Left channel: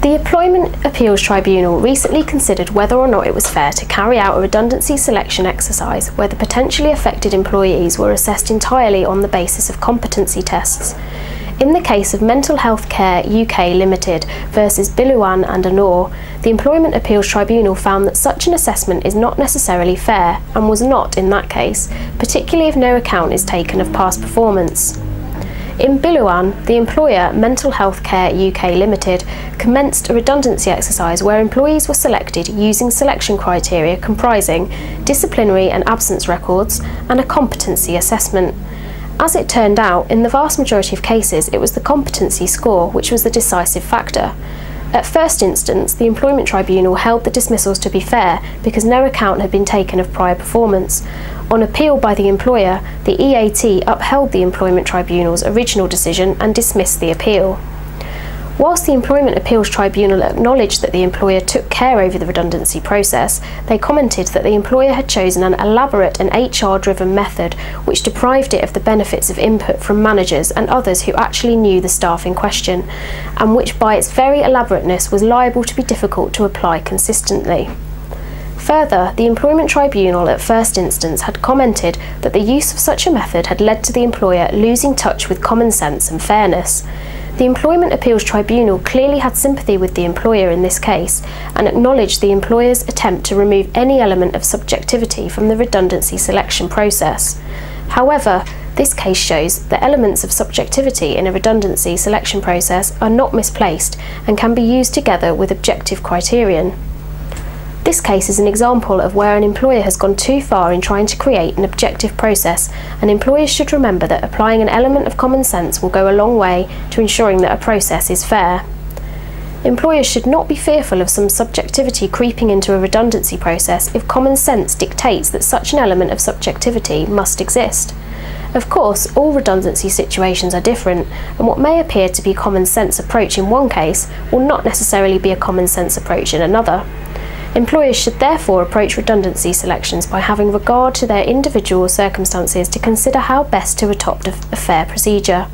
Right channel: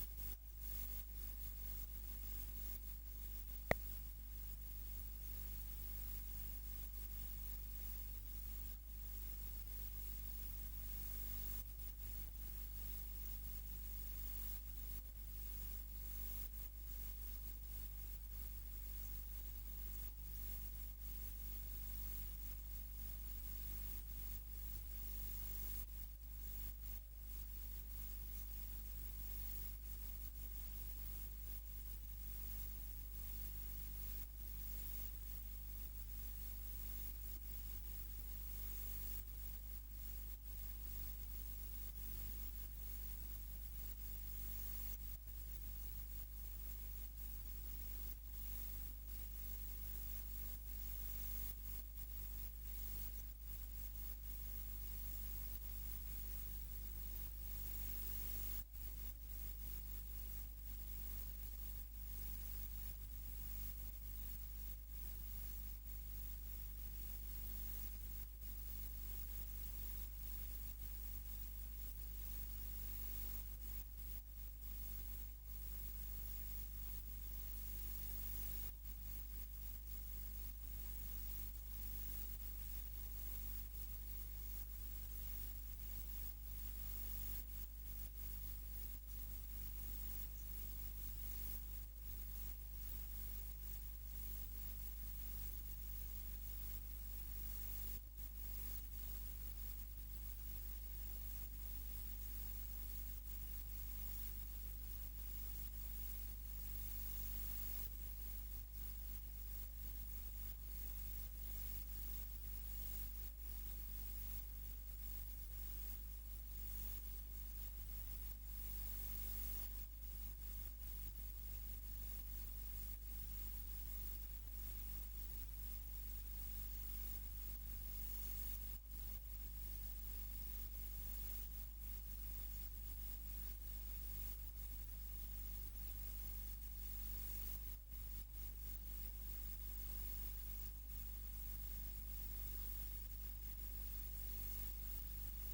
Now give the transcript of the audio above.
The Employment Appeals Tribunal recently considered whether or not it was fair to carry out a redundancy selection exercise where the potentially affected employees were assessed entirely on the basis of competency tests. In the case of Mental Health Care UK Limited versus Biluan and Anor, the Employment Appeals Tribunal found that such an assessment is not necessarily fair and was not in that case, particularly if no account is taken of past performance. In Biluan, the employer, Mental Health Care UK Limited, commenced a redundancy exercise where employees were selected using selection criteria comprising disciplinary and absence records and a competency assessment. As it turned out, in the vast majority of cases, it was the competency score which was the decisive factor. At first instance, the Employment Tribunal held the dismissals to be fair because no account had been taken of prior performance. On appeal by the employer, the EAT upheld the Employment Tribunal's original decision and dismissed the appeal. Whilst the Employment Appeals Tribunal acknowledged that the employer took care over the redundancy process, they commented that the employer had chosen an elaborate and HR-driven method which deprived it of the benefits of input from managers and others who actually knew the staff in question, and which by its very elaborateness was liable to be difficult to apply consistently. Further, the Employment Tribunal at first instance had commented that the use of such a method had led to the employer losing touch with common sense and fairness. The Employment Appeals Tribunal clearly had sympathy with the employer in this case and acknowledged the employer's attempt to remove any element of subjectivity from the redundancy selection process. However, this case shows that elements of subjectivity in a redundancy selection process are not misplaced and can be used together with objective criterion. This case is an example of where an employer has gone too far in trying to create an objective process, and employers should remember that applying an element of common sense will go a long way to ensuring that a process is fair. Employers should not be fearful of some subjectivity creeping into a redundancy process if common sense dictates that such an element of subjectivity must exist. Of course, all redundancy situations are different, and what may appear to be a common sense approach in one case will not necessarily be a common sense approach in another. Employers should therefore approach redundancy selections by having regard to their individual circumstances to consider how best to adopt a fair procedure.